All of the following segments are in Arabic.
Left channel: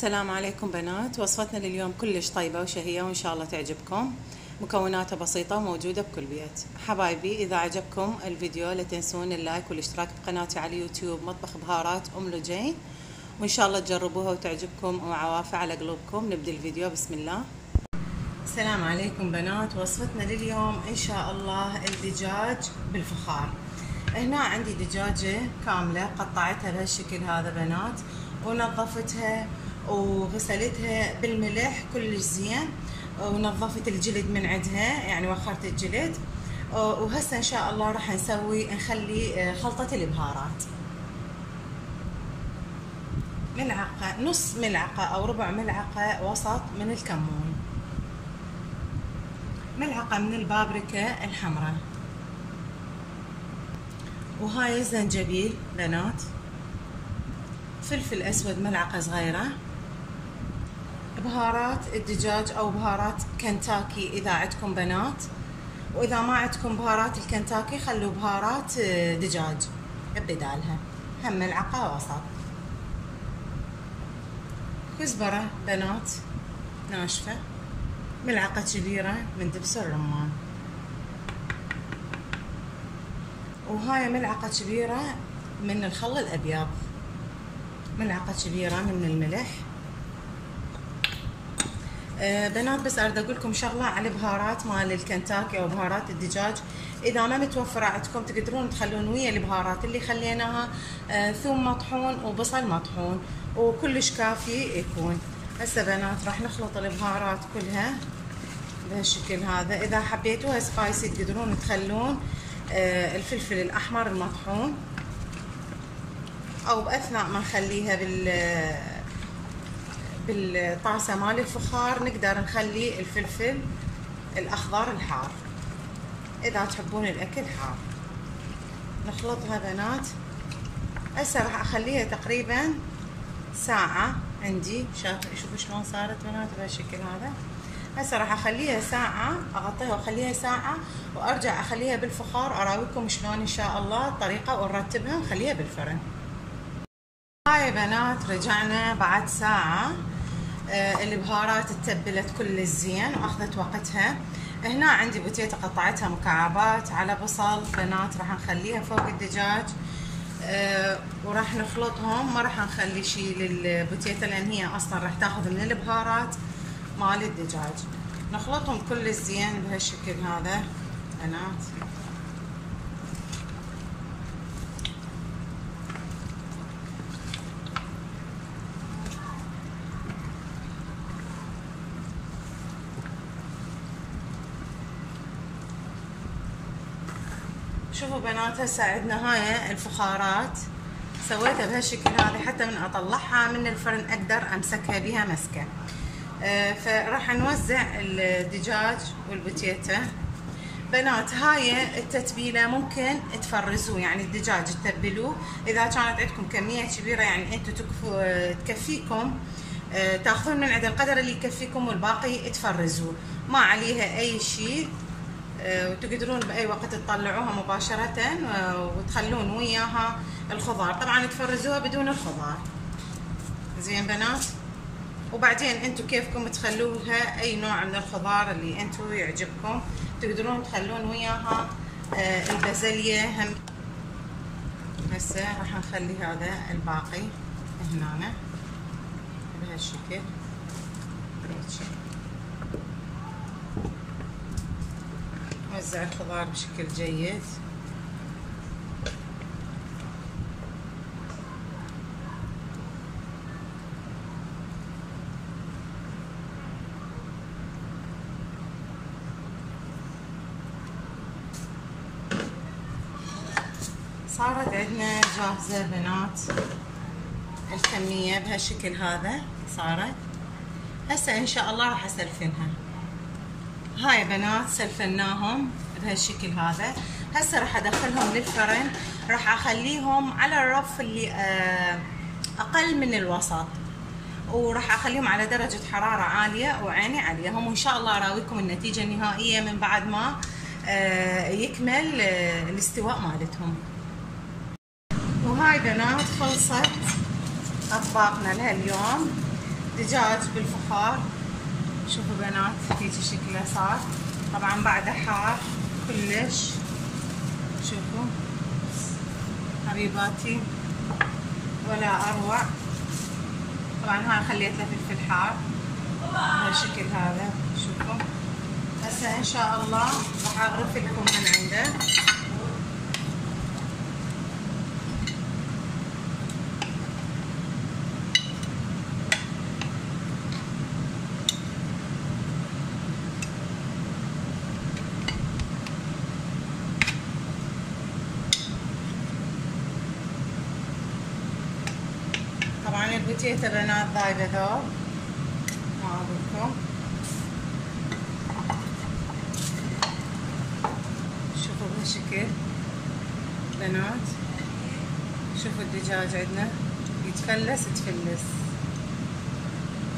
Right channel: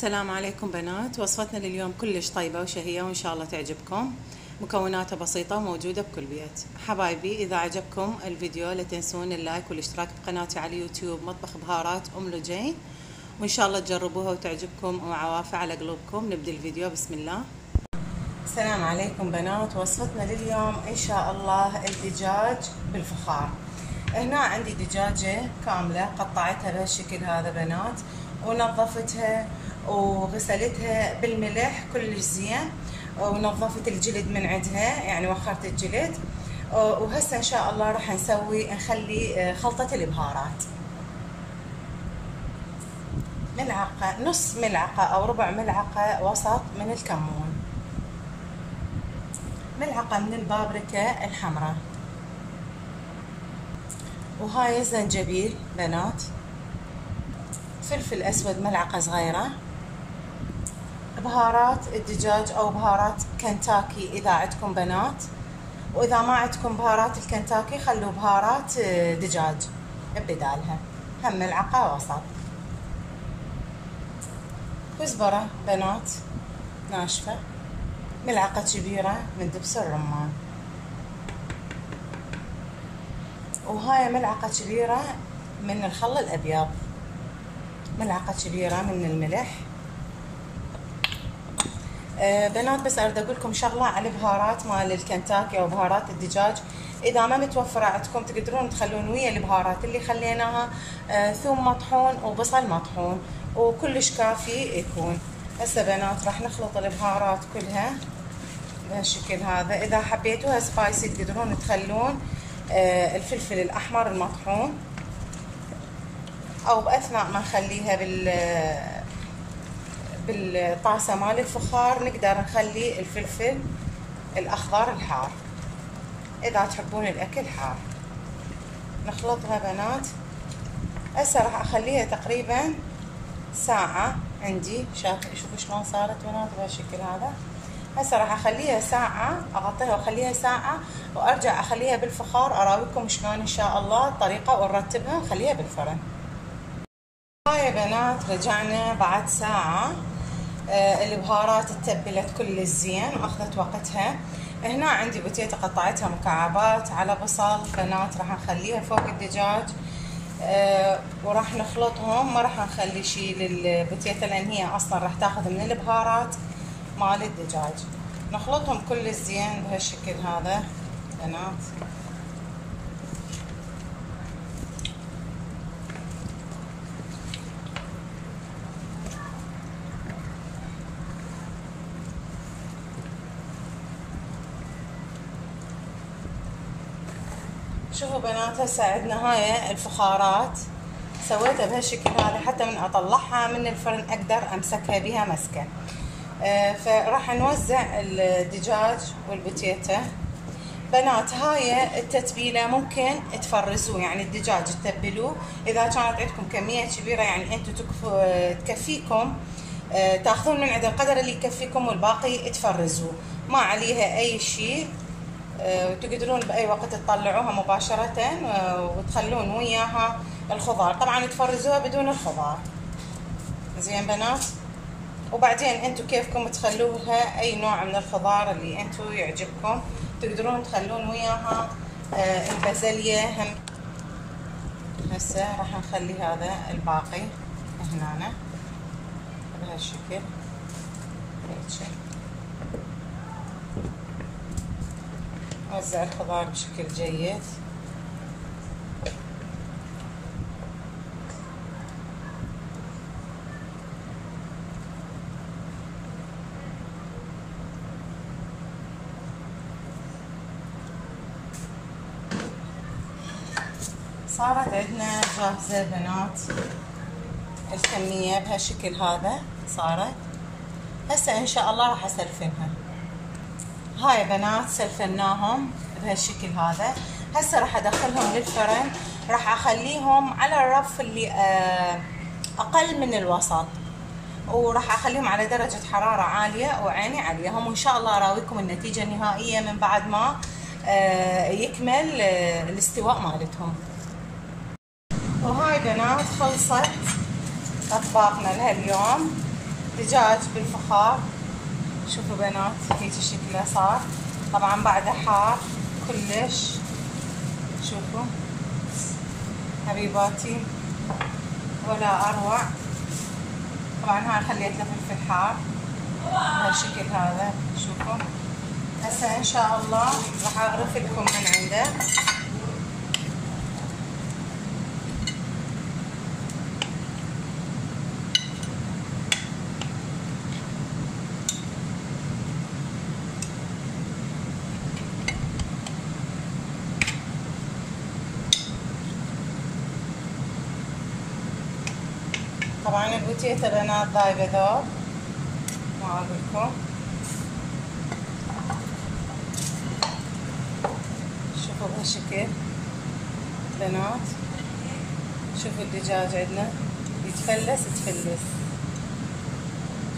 السلام عليكم بنات. وصفتنا لليوم كلش طيبة وشهية وإن شاء الله تعجبكم. مكوناتها بسيطة وموجودة بكل بيت. حبايبي إذا عجبكم الفيديو لا تنسون اللايك والاشتراك بقناتي على اليوتيوب مطبخ بهارات أم لجين، وإن شاء الله تجربوها وتعجبكم وعوافي على قلوبكم. نبدأ الفيديو بسم الله. السلام عليكم بنات. وصفتنا لليوم إن شاء الله الدجاج بالفخار. هنا عندي دجاجة كاملة قطعتها بهالشكل هذا بنات، ونظفتها وغسلتها بالملح كلش زين، ونظفت الجلد من عندها يعني وخرت الجلد. وهسه ان شاء الله راح نخلي خلطة البهارات. ملعقة، نص ملعقة او ربع ملعقة وسط من الكمون، ملعقة من البابريكا الحمراء، وهاي الزنجبيل بنات، فلفل اسود ملعقة صغيرة، بهارات الدجاج او بهارات كنتاكي اذا عندكم بنات، واذا ما عندكم بهارات الكنتاكي خلوا بهارات دجاج ببدالها، هم ملعقة وسط. كزبرة بنات ناشفة، ملعقة كبيرة من دبس الرمان، وهاي ملعقة كبيرة من الخل الابيض، ملعقة كبيرة من الملح. بنات بس اريد اقول لكم شغله على البهارات مال الكنتاكي او بهارات الدجاج، اذا ما متوفره عندكم تقدرون تخلون ويا البهارات اللي خليناها ثوم مطحون وبصل مطحون وكلش كافي يكون. هسه بنات راح نخلط البهارات كلها بهالشكل هذا. اذا حبيتوها سبايسي تقدرون تخلون الفلفل الاحمر المطحون، او باثناء ما نخليها بالطاسة مال الفخار نقدر نخلي الفلفل الأخضر الحار إذا تحبون الأكل حار. نخلطها بنات. هسه راح أخليها تقريبا ساعة عندي. شوفوا شلون صارت بنات بهالشكل هذا. هسه راح أخليها ساعة، أغطيها وأخليها ساعة وأرجع أخليها بالفخار أراويكم شلون إن شاء الله الطريقة، ونرتبها ونخليها بالفرن. هاي بنات رجعنا بعد ساعة. البهارات اتبلت كل زين واخذت وقتها. هنا عندي بوتيتا قطعتها مكعبات على بصل بنات، راح نخليها فوق الدجاج وراح نخلطهم. ما راح نخلي شيء للبوتيتا لان هي اصلا راح تاخذ من البهارات مال الدجاج. نخلطهم كل زين بهالشكل هذا بنات. شوفوا بنات هسه عندنا هاي الفخارات سويتها بهالشكل هذا حتى من اطلعها من الفرن اقدر امسكها بها مسكه. فراح نوزع الدجاج والبوتيتا بنات. هاي التتبيله ممكن تفرزوه، يعني الدجاج تتبلوه اذا كانت عندكم كميه كبيره يعني انتم تكفيكم، تاخذون من عند القدر اللي يكفيكم والباقي تفرزوه، ما عليها اي شيء. وتقدرون باي وقت تطلعوها مباشره وتخلون وياها الخضار، طبعا تفرزوها بدون الخضار زين بنات. وبعدين انتم كيفكم تخلوها اي نوع من الخضار اللي انتم يعجبكم، تقدرون تخلون وياها البازلية هم. هسه راح نخلي هذا الباقي هنا بهالشكل هيك. وزع الخضار بشكل جيد. صارت عندنا جاهزة بنات الكمية بهالشكل هذا صارت. هسه ان شاء الله راح اسلفنها. هاي بنات سلفناهم بهالشكل هذا. هسه راح ادخلهم للفرن، راح اخليهم على الرف اللي اقل من الوسط، وراح اخليهم على درجة حرارة عالية وعيني عليهم، وان شاء الله اراويكم النتيجة النهائية من بعد ما يكمل الاستواء مالتهم. وهاي بنات خلصت اطباقنا لهاليوم. الدجاج بالفخار. شوفوا بنات هيك شكله صار، طبعا بعده حار كلش. شوفوا حبيباتي ولا اروع. طبعا هاي خليت له فلفل حار بهالشكل هذا. شوفوا هسه ان شاء الله راح اغرف لكم من عنده. طبعا البوتيتا بنات ذايبه ذوب ما اقولكم. شوفوا بهالشكل بنات. شوفوا الدجاج عندنا يتفلس تفلس.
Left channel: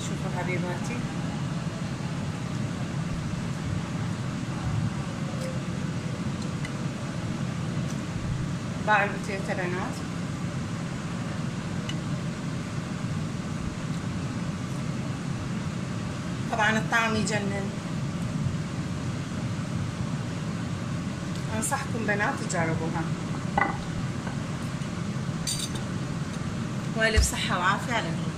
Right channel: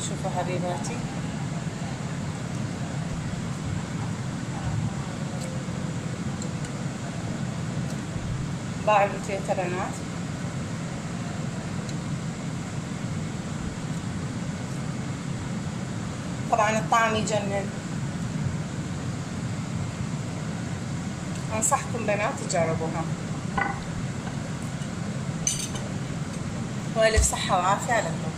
شوفوا حبيباتي باع البوتيتا بنات. طبعا الطعم يجنن. انصحكم بنات تجربوها. والف صحة وعافية عليكم.